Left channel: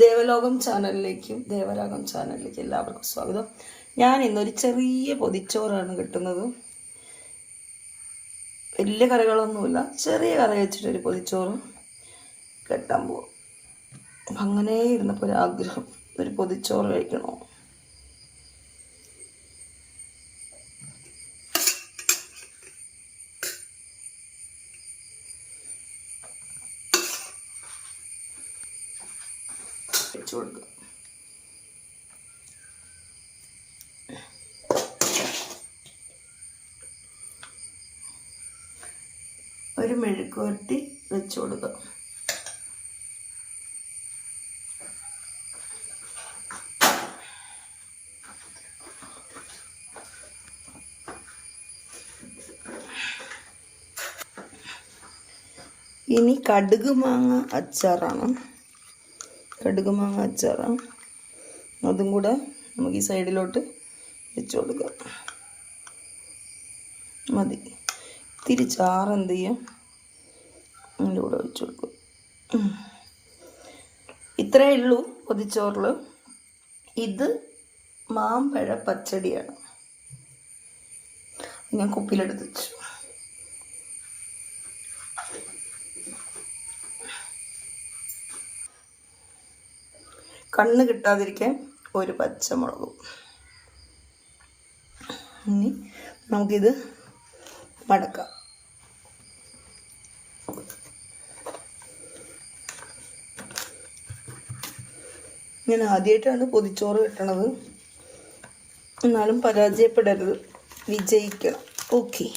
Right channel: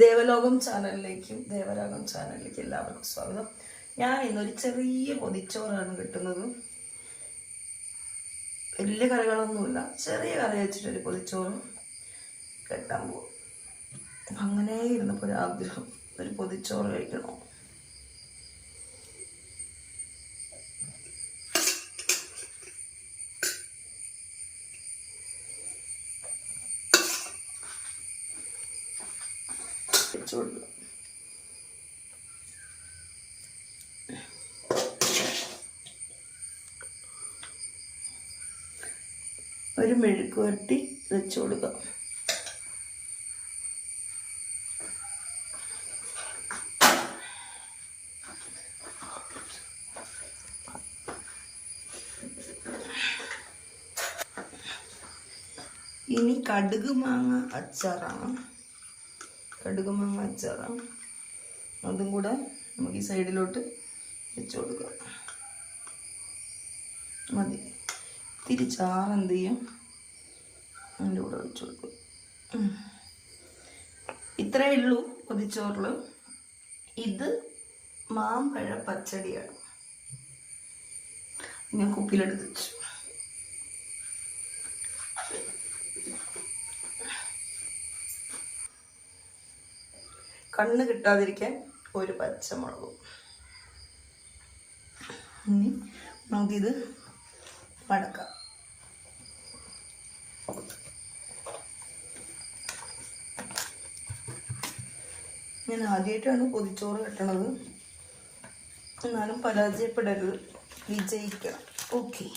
ദേവലോകം ചാനലിലേക്കും എല്ലാവർക്കും സ്വാഗതം. ഞാൻ ഇന്നൊരു ചെറിയ പൊതിച്ചോറാണ് കിട്ടുന്നത്. വലിയ കറികളൊന്നുമില്ല, ചെറിയ കറി വെച്ചിട്ടൊരു പൊതിച്ചോറ് കെട്ടാൻ പോകും. അപ്പം അങ്ങനെ ഇരുന്നപ്പോൾ ഒരാഗ്രഹം, ഒരു പൊതിച്ചോറ് കഴിക്കണോ. കൊടുക്കുക. ഒരു മെഴുക്ക് വരട്ടി വെച്ച് കൊടുക്കുക. ഇനി കടുക് മാങ്ങ അച്ചാറാണ്. അതും കൂടെ നമുക്ക് ഈ സൈഡിലോട്ട് വെച്ച് കൊടുക്കാം. മതി. തിരിച്ചാറ് എന്ത് ചെയ്യും, അതിൻ്റെ കൂടെ വെച്ച് കൊടുക്കും. ഇത്രയേ ഉള്ളൂ പൊതിച്ചോറിൽ. ഇത് മാമ്പഴ പച്ചടിയാണ്. ഞാൻ കുപ്പിയിലെടുത്ത് വെച്ചു. കണ്ണ് കിട്ടാതിരിക്കാൻ ഒരു പച്ചമുളകും. ഇനി നമുക്കിത് മടക്കാം. ഞാൻ ആദ്യമായിട്ടാണ് പൊതിച്ചോറ് കിട്ടണത്, എന്നാലും പരാജയപ്പെടരുത്, വിജയിക്കണം. ഓക്കെ.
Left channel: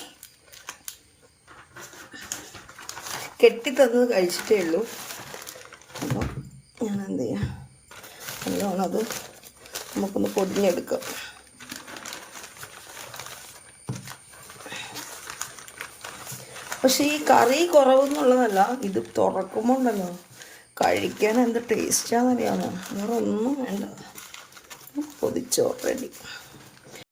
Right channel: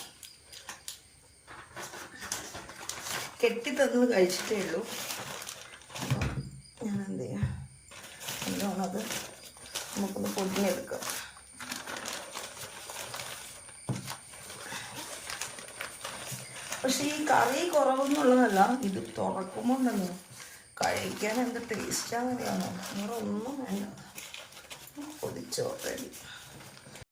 കെട്ടിത്തന്നത് കഴിച്ചിട്ടേ ഉള്ളൂ. അപ്പോൾ ഞാൻ എന്ത് ചെയ്യാം, അത് നമുക്കൊന്ന് പൊടിഞ്ഞെടുക്കാം. പക്ഷെ ഈ കറി കുറവെന്നുള്ളതല്ല, ഇത് തുറക്കുമ്പോൾ ഉണ്ടല്ലോ കഴിക്കാൻ എന്ത് ടേസ്റ്റാണെന്നറിയാമോ. വേറെ ഒന്നും വേണ്ട. പൊതിച്ചോറ് റെഡി.